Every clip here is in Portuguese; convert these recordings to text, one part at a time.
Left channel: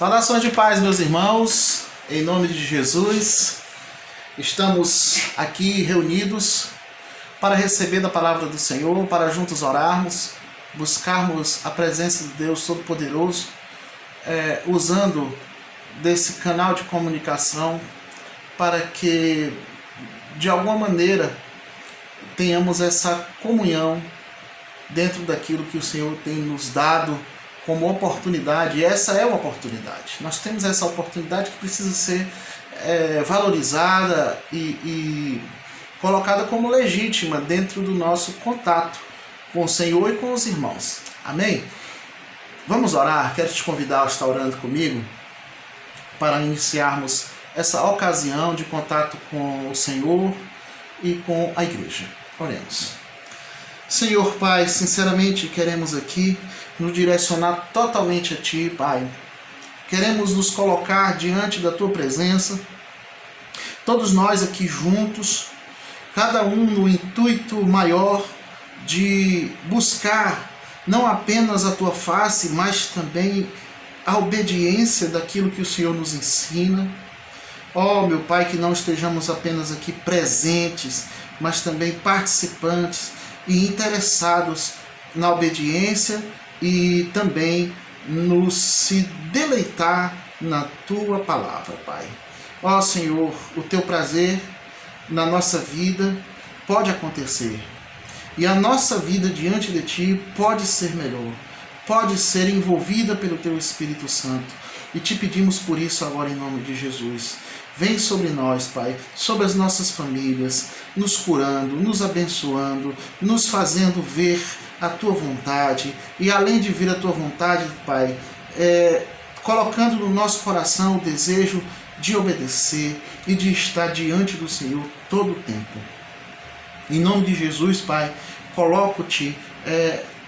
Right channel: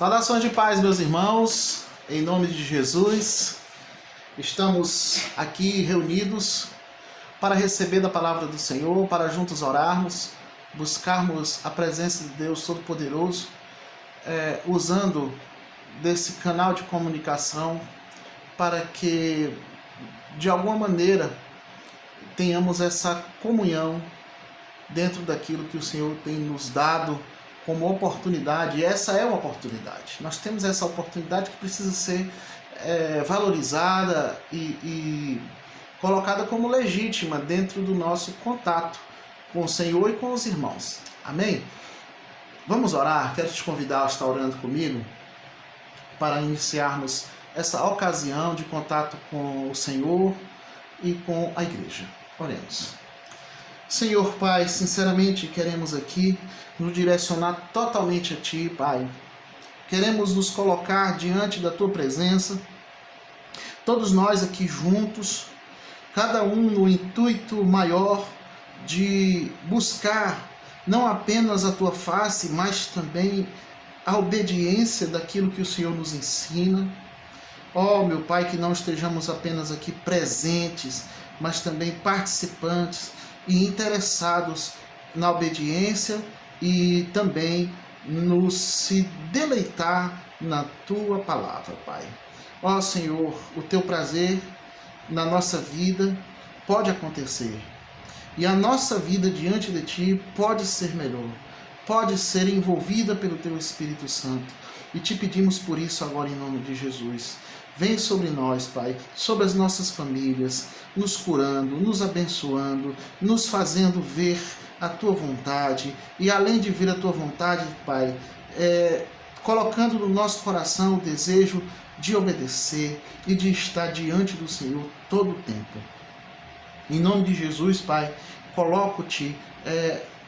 Saudações de paz, meus irmãos, em nome de Jesus. Estamos aqui reunidos para receber da palavra do Senhor, para juntos orarmos, buscarmos a presença de Deus Todo-Poderoso, usando desse canal de comunicação para que, de alguma maneira, tenhamos essa comunhão dentro daquilo que o Senhor tem nos dado como oportunidade. E essa é uma oportunidade. Nós temos essa oportunidade que precisa ser valorizada e colocada como legítima dentro do nosso contato com o Senhor e com os irmãos. Amém? Vamos orar. Quero te convidar a estar orando comigo para iniciarmos essa ocasião de contato com o Senhor e com a igreja. Oremos. Senhor Pai, sinceramente queremos aqui nos direcionar totalmente a Ti, Pai. Queremos nos colocar diante da Tua presença, todos nós aqui juntos, cada um no intuito maior de buscar não apenas a Tua face, mas também a obediência daquilo que o Senhor nos ensina. Ó, meu Pai, que não estejamos apenas aqui presentes, mas também participantes e interessados na obediência e também no se deleitar na Tua palavra, Pai. Ó Senhor, o Teu prazer na nossa vida pode acontecer e a nossa vida diante de Ti pode ser melhor, pode ser envolvida pelo Teu Espírito Santo, e Te pedimos por isso agora em nome de Jesus. Vem sobre nós, Pai, sobre as nossas famílias, nos curando, nos abençoando, nos fazendo ver a Tua vontade, e além de ver a Tua vontade, Pai, colocando no nosso coração o desejo de obedecer e de estar diante do Senhor todo o tempo. Em nome de Jesus, Pai, coloco-Te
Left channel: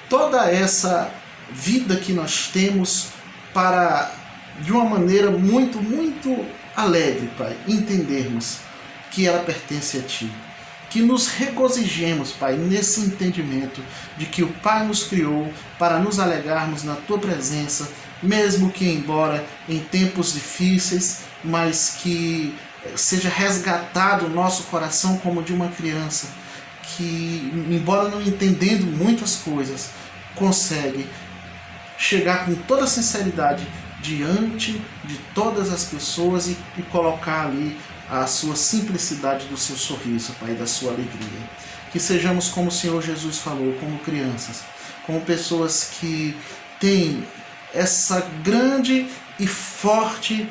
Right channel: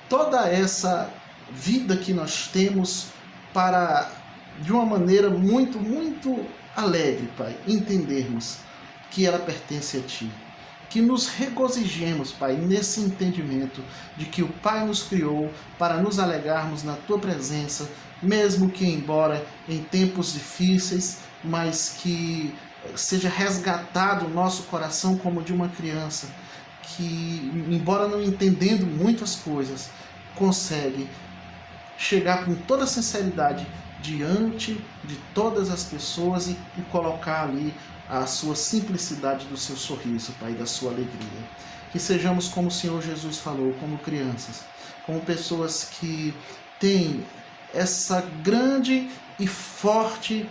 toda essa vida que nós temos para, de uma maneira muito alegre, Pai, entendermos que ela pertence a Ti. Que nos regozijemos, Pai, nesse entendimento de que o Pai nos criou para nos alegrarmos na Tua presença, mesmo que embora em tempos difíceis, mas que seja resgatado o nosso coração como de uma criança, que, embora não entendendo muitas coisas, consegue chegar com toda sinceridade diante de todas as pessoas e colocar ali a sua simplicidade do seu sorriso, Pai, da sua alegria. Que sejamos como o Senhor Jesus falou, como crianças, como pessoas que têm essa grande e forte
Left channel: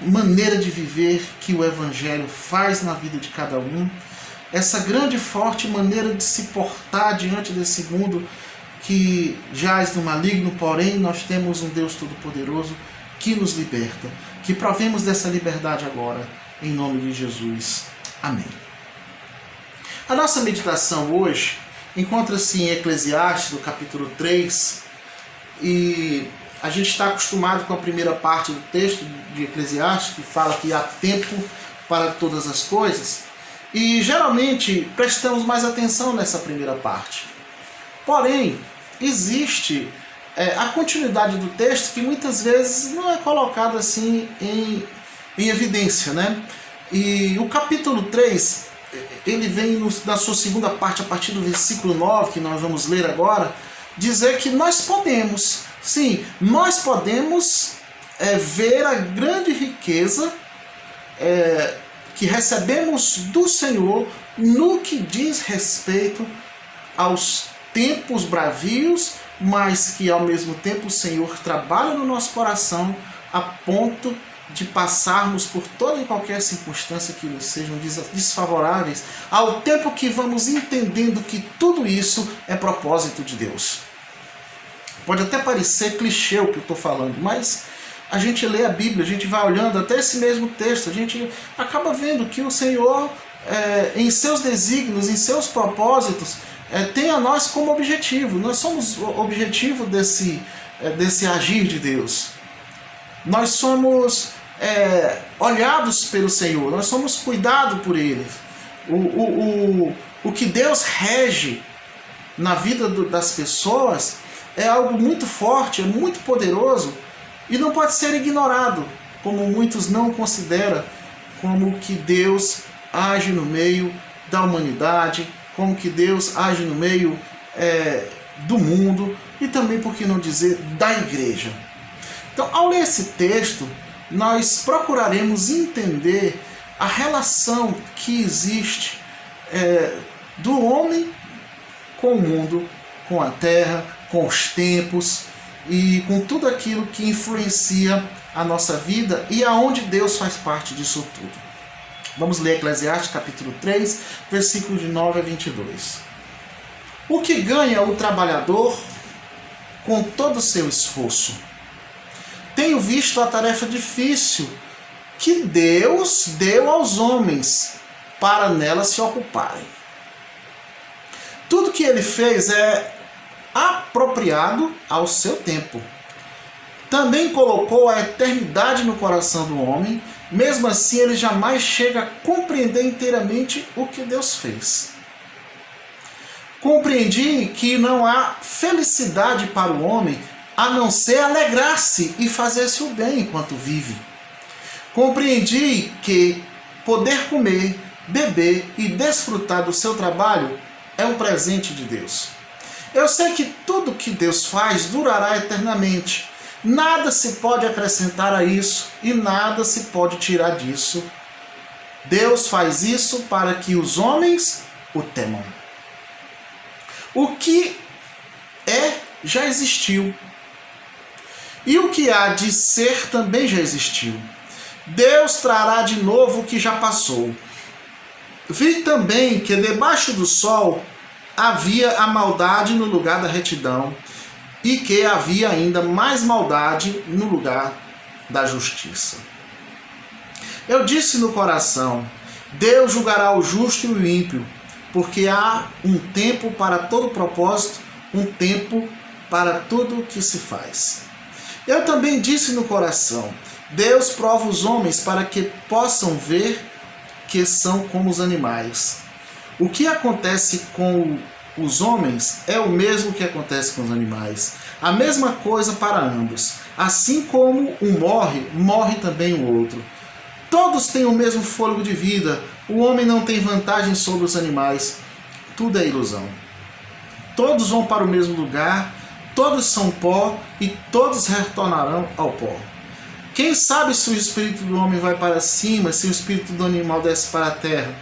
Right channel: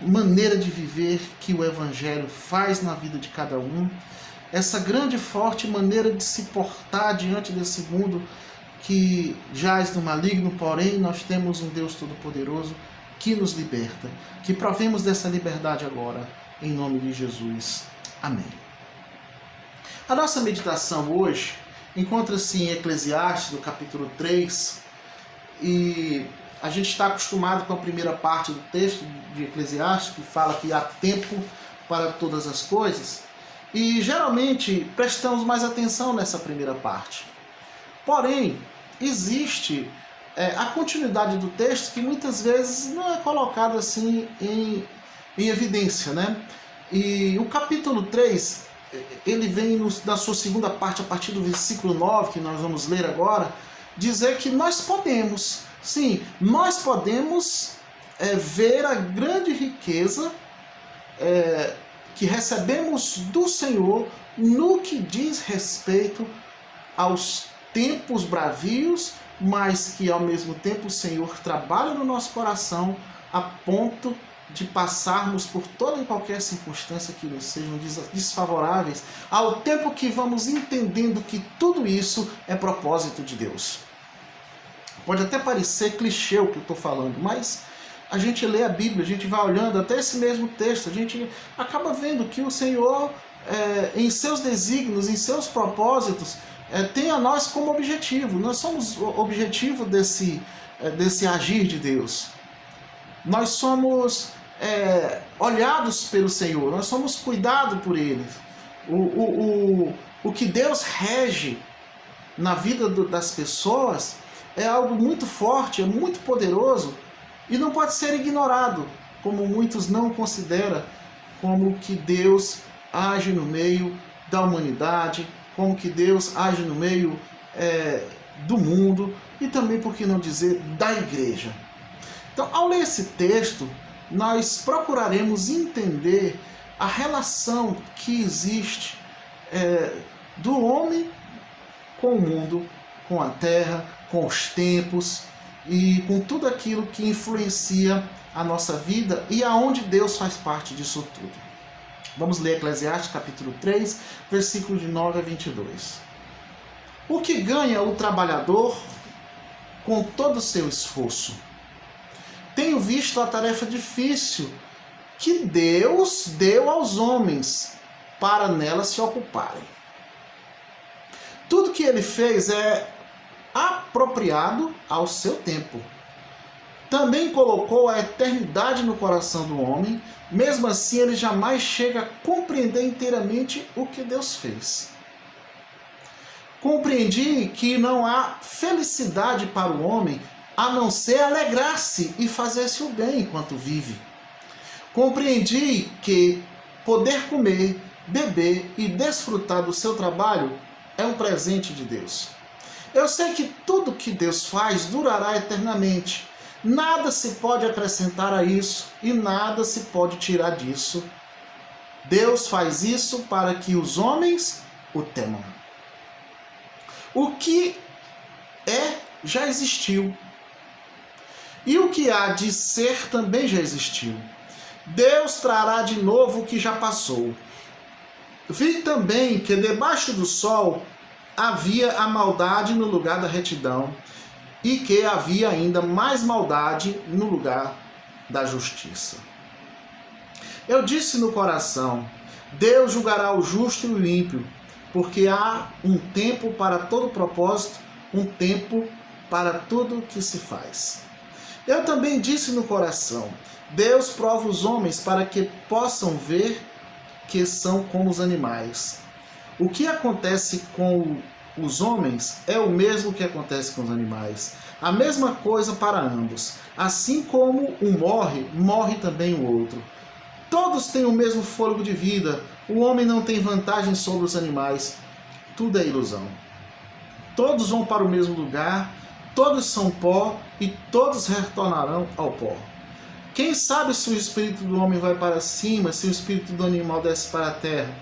maneira de viver que o Evangelho faz na vida de cada um, essa grande e forte maneira de se portar diante desse mundo que jaz no maligno, porém nós temos um Deus Todo-Poderoso que nos liberta. Que provemos dessa liberdade agora, em nome de Jesus. Amém. A nossa meditação hoje encontra-se em Eclesiastes, no capítulo 3, e a gente está acostumado com a primeira parte do texto de Eclesiastes, que fala que há tempo para todas as coisas, e geralmente prestamos mais atenção nessa primeira parte. Porém, existe a continuidade do texto que muitas vezes não é colocada assim em evidência, né? E o capítulo 3, ele vem na sua segunda parte, a partir do versículo 9, que nós vamos ler agora, dizer que nós podemos, sim, nós podemos ver a grande riqueza que recebemos do Senhor no que diz respeito aos tempos bravios, mas que ao mesmo tempo o Senhor trabalha no nosso coração a ponto de passarmos por toda e qualquer circunstância que nos sejam desfavoráveis, ao tempo que vamos entendendo que tudo isso é propósito de Deus. Pode até parecer clichê o que eu estou falando, mas a gente lê a Bíblia, a gente vai olhando até esse mesmo texto, a gente acaba vendo que o Senhor, em seus desígnios, em seus propósitos, tem a nós como objetivo. Nós somos o objetivo desse agir de Deus. Nós somos olhados pelo Senhor, nós somos cuidados por Ele. O que Deus rege na vida das pessoas é algo muito forte, é muito poderoso, E não pode ser ignorado, como muitos não consideram, como que Deus age no meio da humanidade, como que Deus age no meio do mundo e também, por que não dizer, da igreja. Então, ao ler esse texto, nós procuraremos entender a relação que existe do homem com o mundo, com a terra, com os tempos e com tudo aquilo que influencia a nossa vida e aonde Deus faz parte disso tudo. Vamos ler Eclesiastes capítulo 3, versículos de 9 a 22. O que ganha o trabalhador com todo o seu esforço? Tenho visto a tarefa difícil que Deus deu aos homens para nela se ocuparem. Tudo que ele fez é apropriado ao seu tempo. Também colocou a eternidade no coração do homem, mesmo assim ele jamais chega a compreender inteiramente o que Deus fez. Compreendi que não há felicidade para o homem a não ser alegrar-se e fazer-se o bem enquanto vive. Compreendi que poder comer, beber e desfrutar do seu trabalho é um presente de Deus. Eu sei que tudo que Deus faz durará eternamente. Nada se pode acrescentar a isso e nada se pode tirar disso. Deus faz isso para que os homens o temam. O que já existiu. E o que há de ser também já existiu. Deus trará de novo o que já passou. Vi também que debaixo do sol havia a maldade no lugar da retidão, e que havia ainda mais maldade no lugar da justiça. Eu disse no coração: Deus julgará o justo e o ímpio, porque há um tempo para todo propósito, um tempo para tudo o que se faz. Eu também disse no coração: Deus prova os homens para que possam ver que são como os animais. O que acontece com os homens é o mesmo que acontece com os animais. A mesma coisa para ambos. Assim como um morre, morre também o outro. Todos têm o mesmo fôlego de vida. O homem não tem vantagem sobre os animais. Tudo é ilusão. Todos vão para o mesmo lugar, todos são pó e todos retornarão ao pó. Quem sabe se o espírito do homem vai para cima, se o espírito do animal desce para a terra?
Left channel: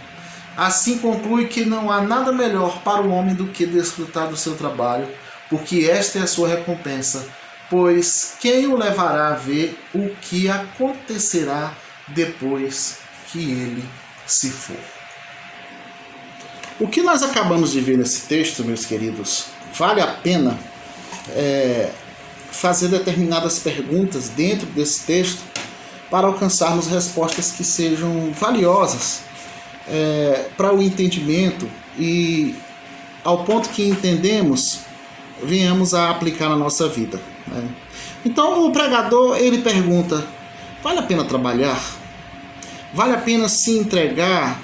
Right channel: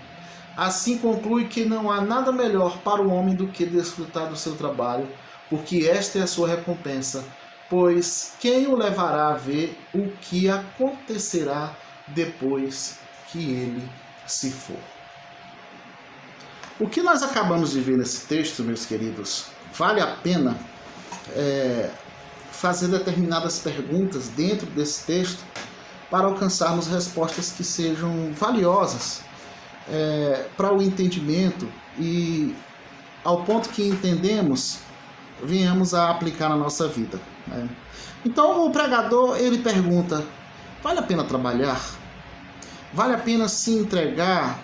Assim conclui que não há nada melhor para o homem do que desfrutar do seu trabalho, porque esta é a sua recompensa, pois quem o levará a ver o que acontecerá depois que ele se for? O que nós acabamos de ver nesse texto, meus queridos, vale a pena fazer determinadas perguntas dentro desse texto para alcançarmos respostas que sejam valiosas para o entendimento e, ao ponto que entendemos, venhamos a aplicar na nossa vida. Então, o pregador, ele pergunta: vale a pena trabalhar? Vale a pena se entregar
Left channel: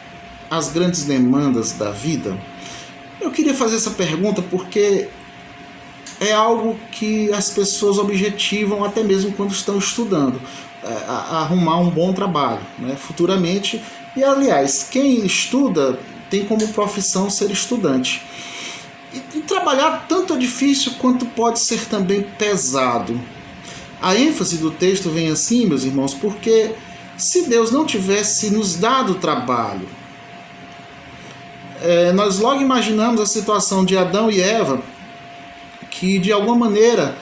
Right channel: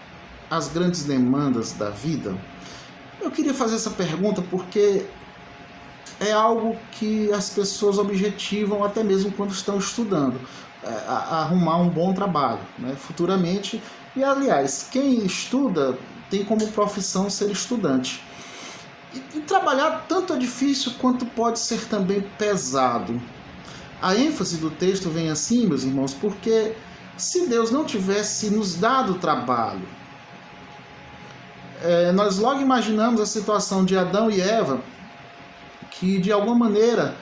às grandes demandas da vida? Eu queria fazer essa pergunta porque é algo que as pessoas objetivam até mesmo quando estão estudando, arrumar um bom trabalho, futuramente. E, aliás, quem estuda tem como profissão ser estudante. E trabalhar tanto é difícil quanto pode ser também pesado. A ênfase do texto vem assim, meus irmãos, porque se Deus não tivesse nos dado trabalho, nós logo imaginamos a situação de Adão e Eva, que de alguma maneira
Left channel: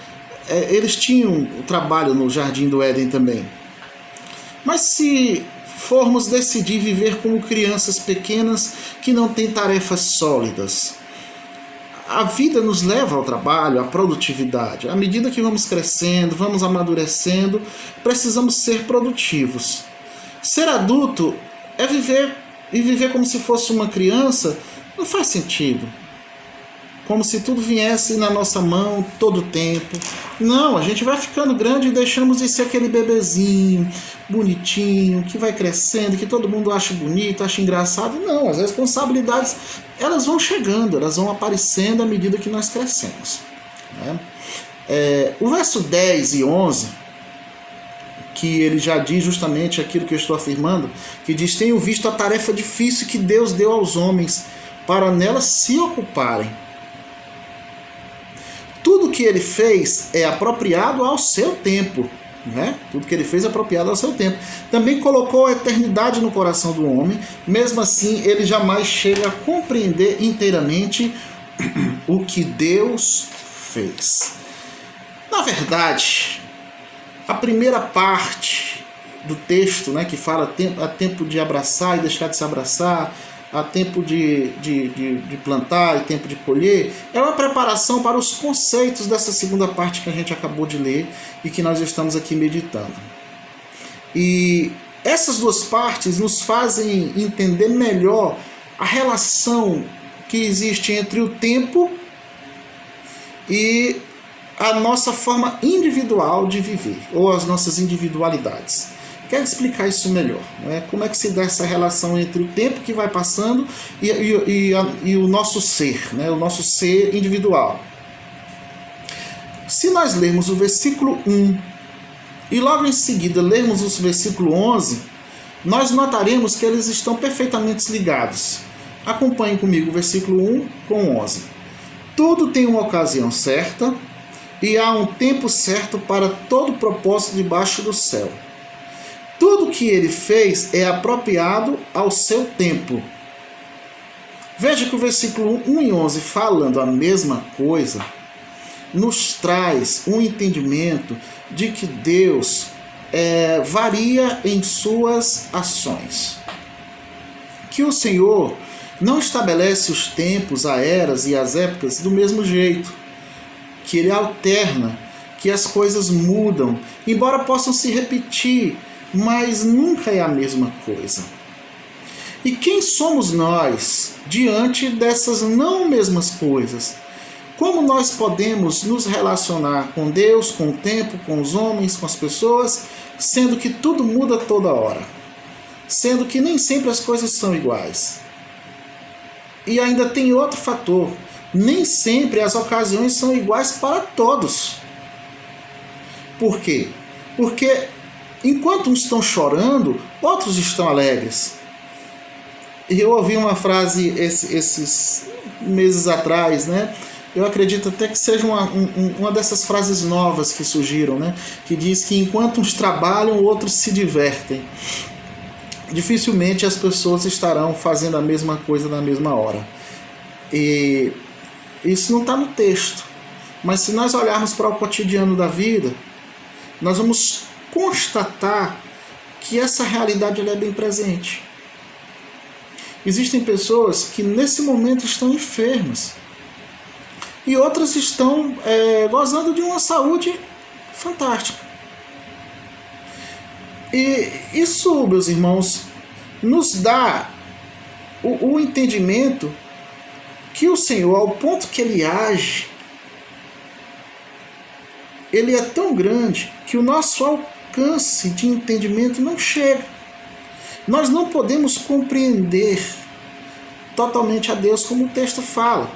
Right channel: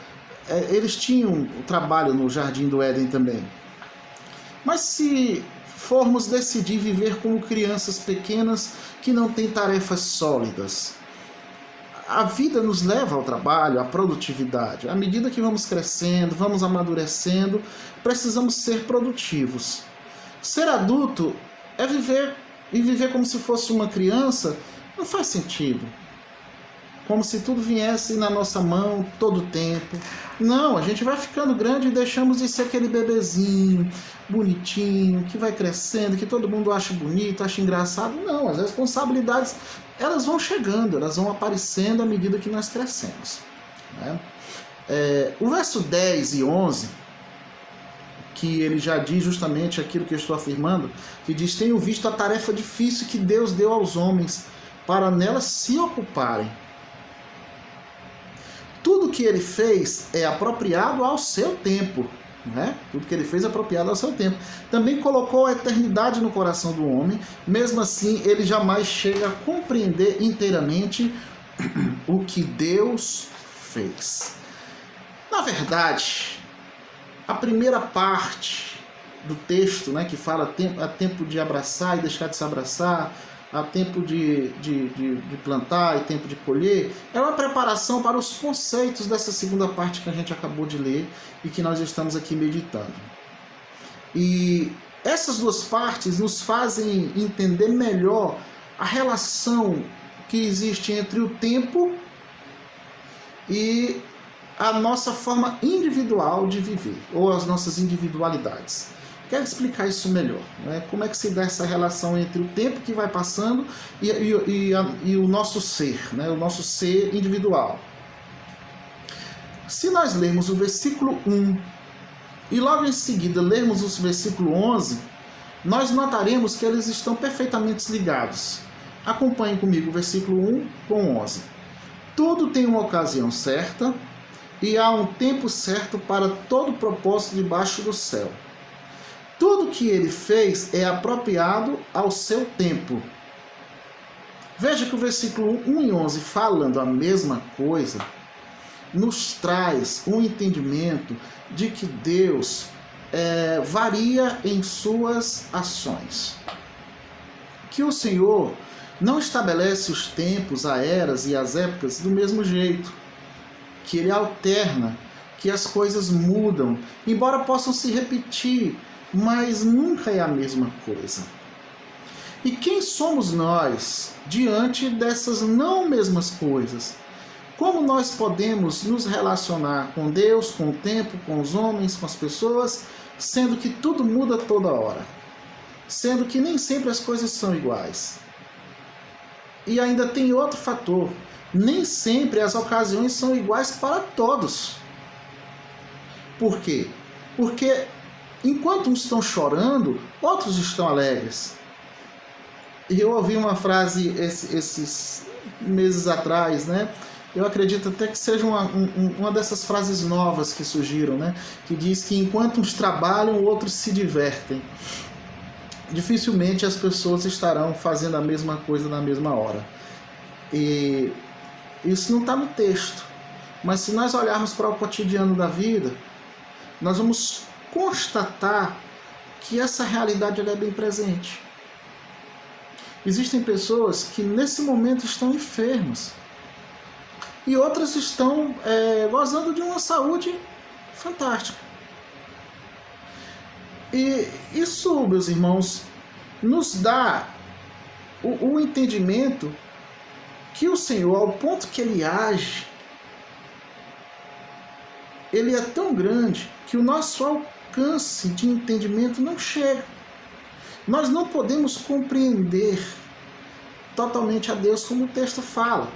eles tinham o trabalho no Jardim do Éden também. Mas se formos decidir viver como crianças pequenas que não têm tarefas sólidas, a vida nos leva ao trabalho, à produtividade. À medida que vamos crescendo, vamos amadurecendo, precisamos ser produtivos. Ser adulto é viver como se fosse uma criança, não faz sentido. Como se tudo viesse na nossa mão todo o tempo. Não, a gente vai ficando grande e deixamos de ser aquele bebezinho bonitinho, que vai crescendo, que todo mundo acha bonito, acha engraçado. Não, as responsabilidades, elas vão chegando, elas vão aparecendo à medida que nós crescemos. O verso 10 e 11 que ele já diz justamente aquilo que eu estou afirmando, que diz: tenho visto a tarefa difícil que Deus deu aos homens para nela se ocuparem. Tudo que ele fez é apropriado ao seu tempo. Né? Tudo que ele fez é apropriado ao seu tempo. Também colocou a eternidade no coração do homem. Mesmo assim, ele jamais chega a compreender inteiramente o que Deus fez. Na verdade, a primeira parte do texto, né, que fala há tempo de abraçar e deixar de se abraçar, há tempo de plantar e tempo de colher, é uma preparação para os conceitos dessa segunda parte que a gente acabou de ler e que nós estamos aqui meditando. E essas duas partes nos fazem entender melhor a relação que existe entre o tempo e a nossa forma individual de viver, ou as nossas individualidades. Quero explicar isso melhor, né? Como é que se dá essa relação entre o tempo que vai passando e o nosso ser, né? O nosso ser individual. Se nós lermos o versículo 1 e logo em seguida lermos o versículo 11, nós notaremos que eles estão perfeitamente ligados. Acompanhe comigo o versículo 1 com 11. Tudo tem uma ocasião certa e há um tempo certo para todo propósito debaixo do céu. Tudo que ele fez é apropriado ao seu tempo. Veja que o versículo 1 e 11, falando a mesma coisa, nos traz um entendimento de que Deus varia em suas ações. Que o Senhor não estabelece os tempos, as eras e as épocas do mesmo jeito. Que ele alterna, que as coisas mudam, embora possam se repetir, mas nunca é a mesma coisa. E quem somos nós diante dessas não mesmas coisas? Como nós podemos nos relacionar com Deus, com o tempo, com os homens, com as pessoas, sendo que tudo muda toda hora? Sendo que nem sempre as coisas são iguais. E ainda tem outro fator. Nem sempre as ocasiões são iguais para todos. Por quê? Porque enquanto uns estão chorando, outros estão alegres. E eu ouvi uma frase esses meses atrás, né? Eu acredito até que seja uma dessas frases novas que surgiram, né? Que diz que enquanto uns trabalham, outros se divertem. Dificilmente as pessoas estarão fazendo a mesma coisa na mesma hora. E isso não está no texto. Mas se nós olharmos para o cotidiano da vida, nós vamos constatar que essa realidade ela é bem presente. Existem pessoas que nesse momento estão enfermas e outras estão gozando de uma saúde fantástica. E isso, meus irmãos, nos dá o entendimento que o Senhor, ao ponto que Ele age, Ele é tão grande que o nosso alcance de entendimento não chega. Nós não podemos compreender totalmente a Deus como o texto fala.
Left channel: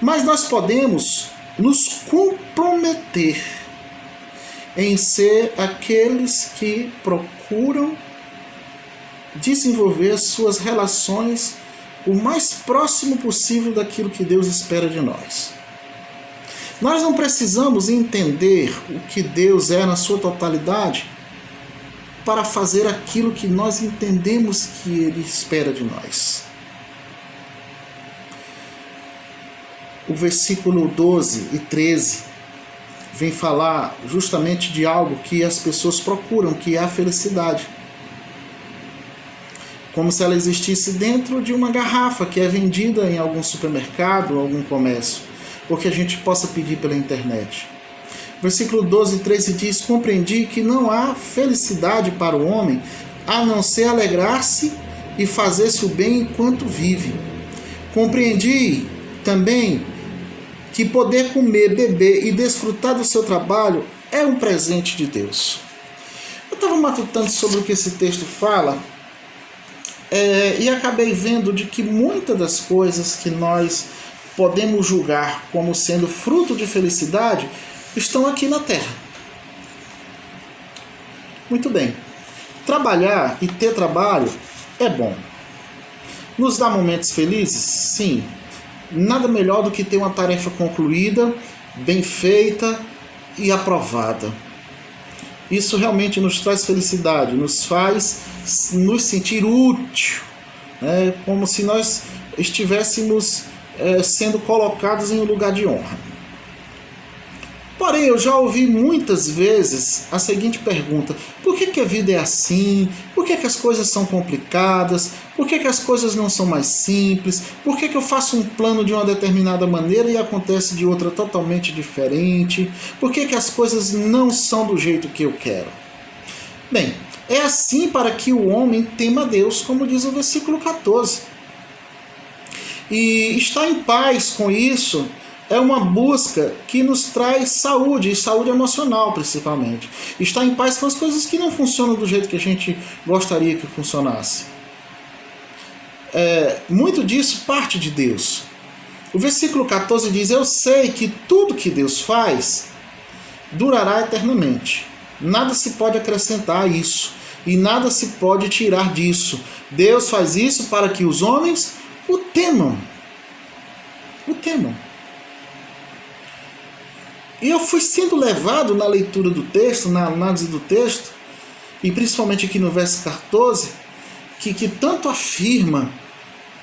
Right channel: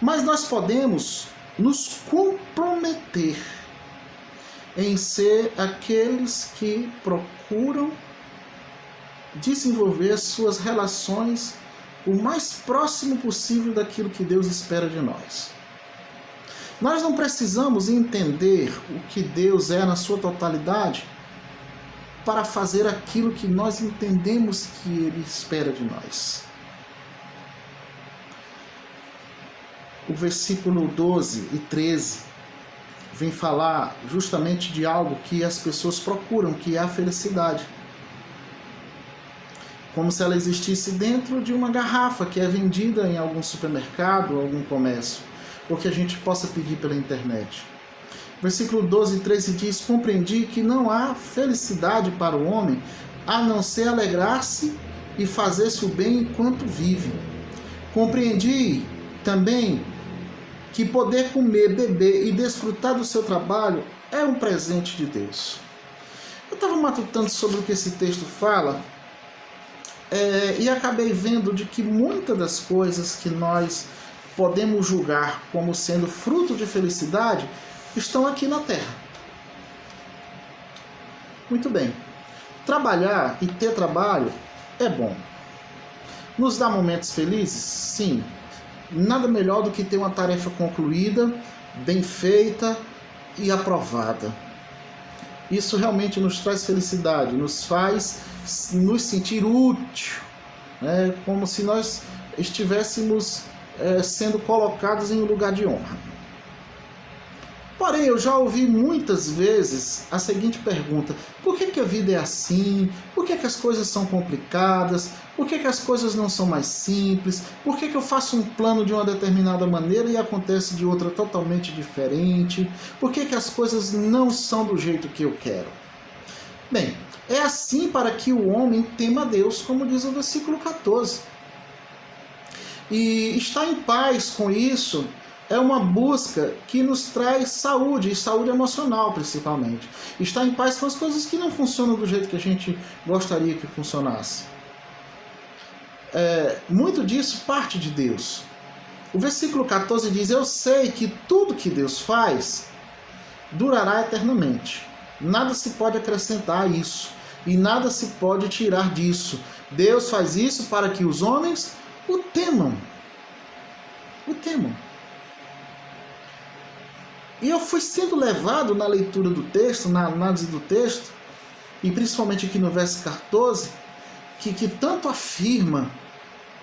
Mas nós podemos nos comprometer em ser aqueles que procuram desenvolver suas relações o mais próximo possível daquilo que Deus espera de nós. Nós não precisamos entender o que Deus é na sua totalidade para fazer aquilo que nós entendemos que Ele espera de nós. O versículo 12 e 13 vem falar justamente de algo que as pessoas procuram, que é a felicidade. Como se ela existisse dentro de uma garrafa que é vendida em algum supermercado ou algum comércio, ou que a gente possa pedir pela internet. Versículo 12 e 13 diz: compreendi que não há felicidade para o homem a não ser alegrar-se e fazer-se o bem enquanto vive. Compreendi também que poder comer, beber e desfrutar do seu trabalho é um presente de Deus. Eu estava matutando sobre o que esse texto fala e acabei vendo de que muitas das coisas que nós podemos julgar como sendo fruto de felicidade estão aqui na terra. Muito bem. Trabalhar e ter trabalho é bom. Nos dá momentos felizes? Sim. Nada melhor do que ter uma tarefa concluída, bem feita e aprovada. Isso realmente nos traz felicidade, nos faz nos sentir útil, como se nós estivéssemos sendo colocados em um lugar de honra. Porém, eu já ouvi muitas vezes a seguinte pergunta: por que a vida é assim? Por que as coisas são complicadas? Por que as coisas não são mais simples? Por que eu faço um plano de uma determinada maneira e acontece de outra totalmente diferente? Por que as coisas não são do jeito que eu quero? Bem, é assim para que o homem tema a Deus, como diz o versículo 14. E estar em paz com isso é uma busca que nos traz saúde, e saúde emocional principalmente. Estar em paz com as coisas que não funcionam do jeito que a gente gostaria que funcionasse. Muito disso parte de Deus. O versículo 14 diz: eu sei que tudo que Deus faz durará eternamente. Nada se pode acrescentar a isso, e nada se pode tirar disso. Deus faz isso para que os homens o temam. O temam. E eu fui sendo levado na leitura do texto, na análise do texto, e principalmente aqui no verso 14, que tanto afirma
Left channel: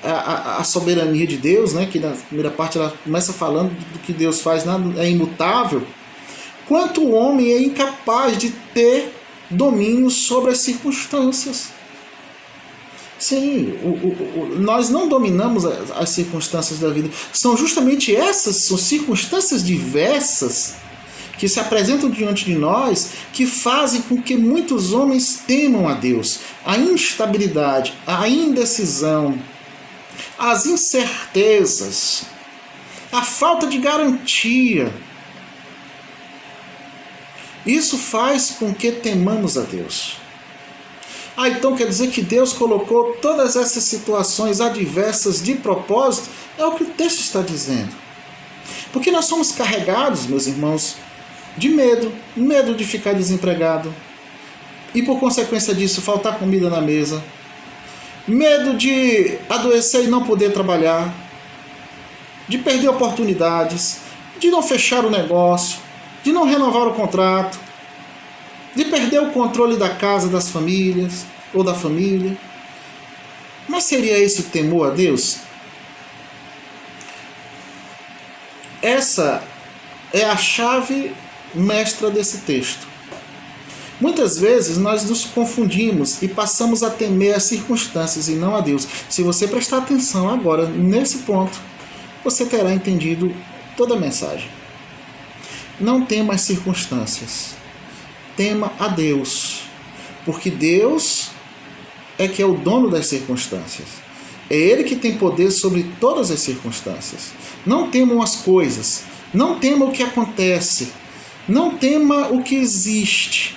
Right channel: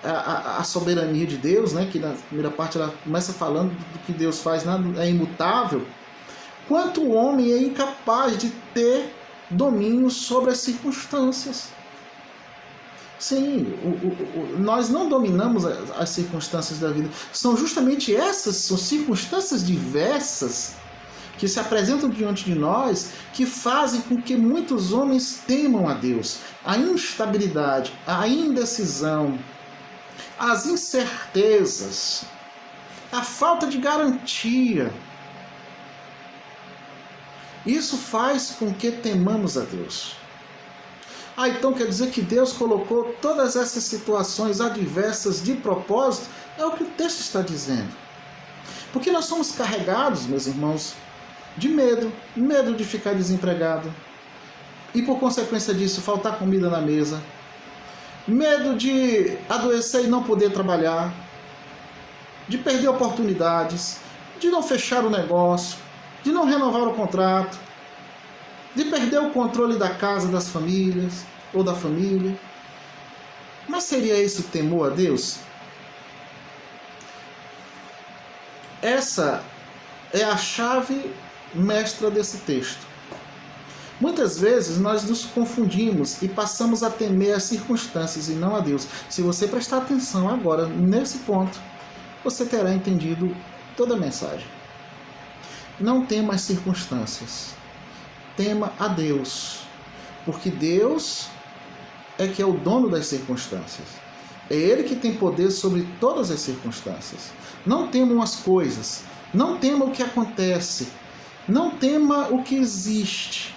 a soberania de Deus, que na primeira parte ela começa falando do que Deus faz, é imutável, quanto o homem é incapaz de ter domínio sobre as circunstâncias. Sim, nós não dominamos as circunstâncias da vida. São justamente essas, são circunstâncias diversas que se apresentam diante de nós que fazem com que muitos homens temam a Deus. A instabilidade, a indecisão, as incertezas, a falta de garantia. Isso faz com que temamos a Deus. Então quer dizer que Deus colocou todas essas situações adversas de propósito? É o que o texto está dizendo. Porque nós somos carregados, meus irmãos, de medo de ficar desempregado e por consequência disso faltar comida na mesa, medo de adoecer e não poder trabalhar, de perder oportunidades, de não fechar o negócio, de não renovar o contrato, de perder o controle da casa das famílias ou da família. Mas seria esse o temor a Deus? Essa é a chave mestra desse texto. Muitas vezes nós nos confundimos e passamos a temer as circunstâncias e não a Deus. Se você prestar atenção agora nesse ponto, você terá entendido toda a mensagem. Não tema as circunstâncias. Tema a Deus, porque Deus é que é o dono das circunstâncias. É Ele que tem poder sobre todas as circunstâncias. Não temam as coisas, não tema o que acontece, não tema o que existe,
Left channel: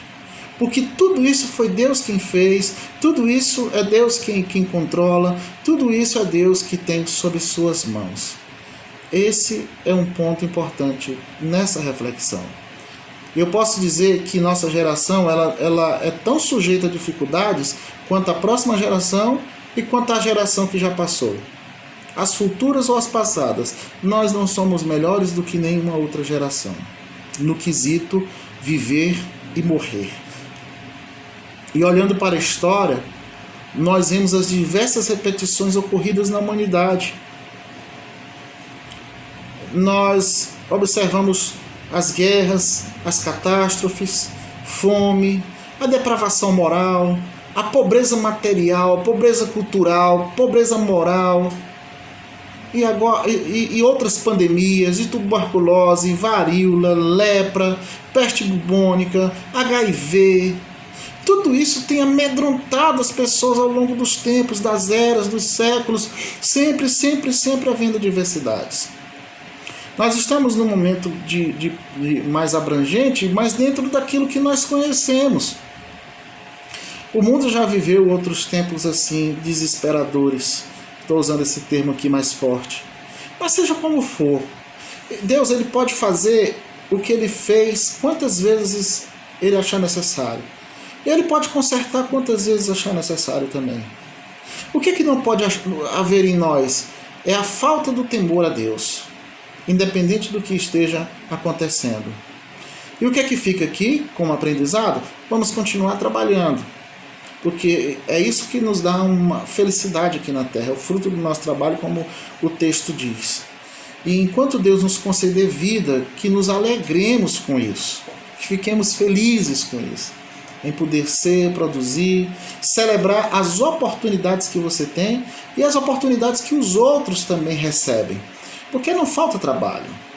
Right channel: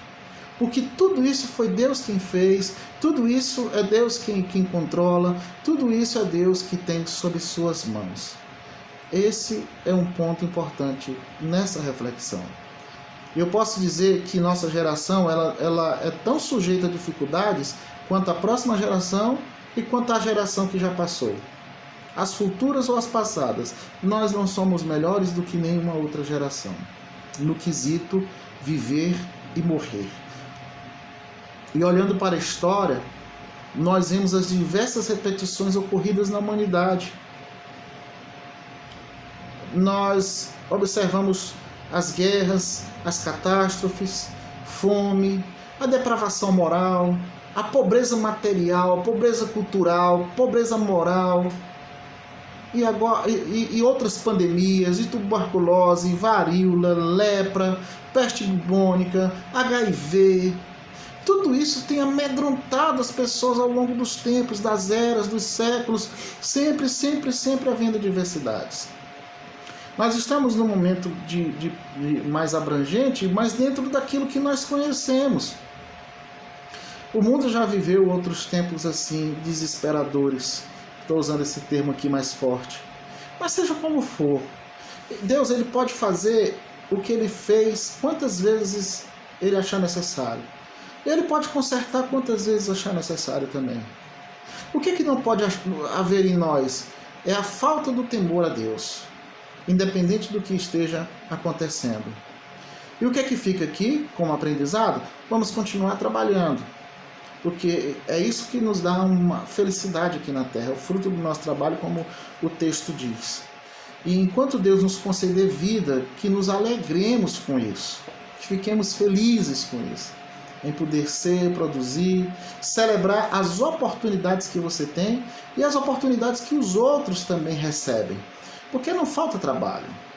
porque tudo isso foi Deus quem fez, tudo isso é Deus quem controla, tudo isso é Deus que tem sob suas mãos. Esse é um ponto importante nessa reflexão. Eu posso dizer que nossa geração ela é tão sujeita a dificuldades quanto a próxima geração e quanto a geração que já passou. As futuras ou as passadas, nós não somos melhores do que nenhuma outra geração, no quesito viver e morrer. E olhando para a história, nós vemos as diversas repetições ocorridas na humanidade. Nós observamos as guerras, as catástrofes, fome, a depravação moral, a pobreza material, pobreza cultural, pobreza moral, e outras pandemias de tuberculose, varíola, lepra, peste bubônica, HIV. Tudo isso tem amedrontado as pessoas ao longo dos tempos, das eras, dos séculos, sempre havendo diversidades. Nós estamos num momento de mais abrangente, mas dentro daquilo que nós conhecemos. O mundo já viveu outros tempos assim, desesperadores. Estou usando esse termo aqui mais forte. Mas seja como for, Deus ele pode fazer o que Ele fez quantas vezes Ele achar necessário. Ele pode consertar quantas vezes achar necessário também. O que não pode haver em nós é a falta do temor a Deus, independente do que esteja acontecendo. E o que fica aqui como aprendizado? Vamos continuar trabalhando, porque é isso que nos dá uma felicidade aqui na terra, é o fruto do nosso trabalho, como o texto diz. E enquanto Deus nos conceder vida, que nos alegremos com isso, que fiquemos felizes com isso, em poder ser, produzir, celebrar as oportunidades que você tem e as oportunidades que os outros também recebem, porque não falta trabalho.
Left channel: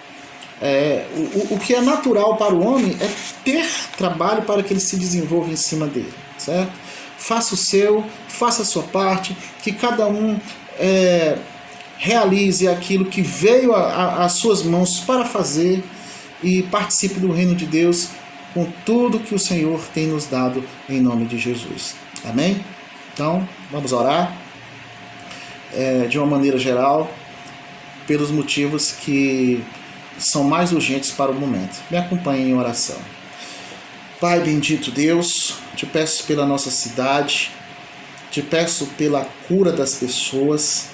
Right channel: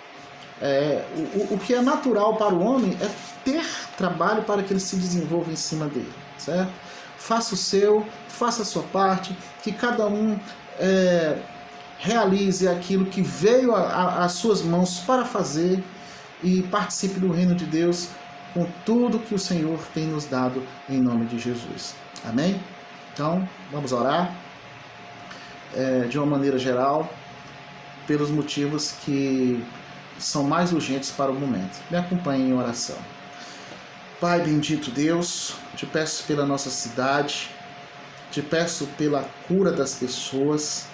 O que é natural para o homem é ter trabalho para que ele se desenvolva em cima dele, certo? Faça o seu, faça a sua parte, que cada um realize aquilo que veio às suas mãos para fazer e participe do reino de Deus com tudo que o Senhor tem nos dado em nome de Jesus. Amém? Então, vamos orar de uma maneira geral, pelos motivos que são mais urgentes para o momento. Me acompanhe em oração. Pai bendito Deus, te peço pela nossa cidade, te peço pela cura das pessoas,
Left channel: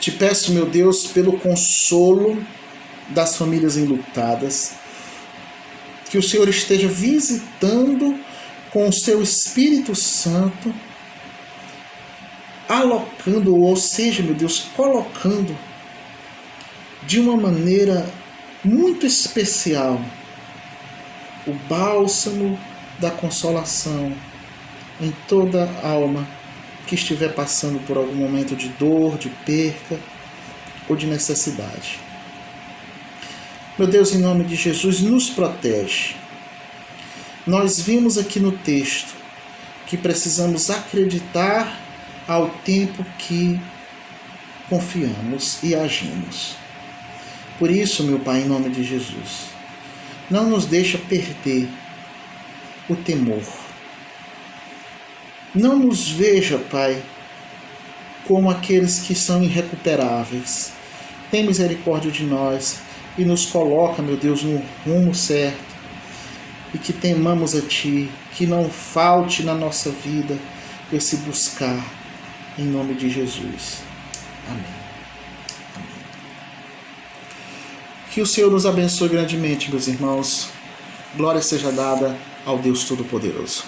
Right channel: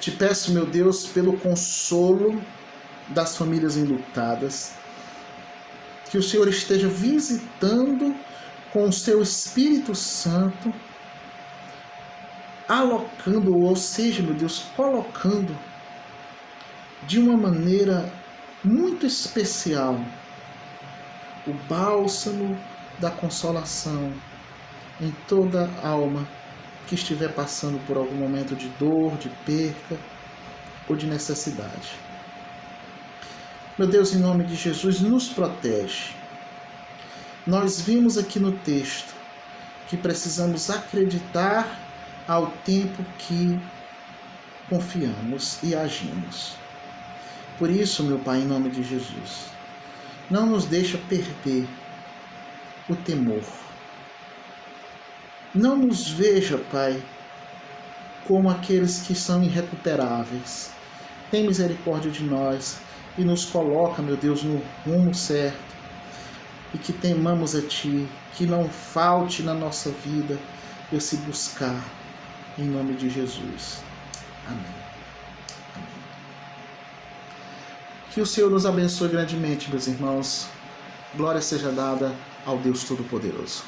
te peço, meu Deus, pelo consolo das famílias enlutadas, que o Senhor esteja visitando com o seu Espírito Santo, alocando, ou seja, meu Deus, colocando de uma maneira muito especial o bálsamo da consolação em toda alma que estiver passando por algum momento de dor, de perca ou de necessidade. Meu Deus, em nome de Jesus, nos protege. Nós vimos aqui no texto que precisamos acreditar ao tempo que confiamos e agimos. Por isso, meu Pai, em nome de Jesus, não nos deixa perder o temor. Não nos veja, Pai, como aqueles que são irrecuperáveis. Tem misericórdia de nós e nos coloca, meu Deus, no rumo certo, e que temamos a Ti, que não falte na nossa vida esse buscar, em nome de Jesus. Amém. Que o Senhor nos abençoe grandemente, meus irmãos. Glória seja dada ao Deus Todo-Poderoso.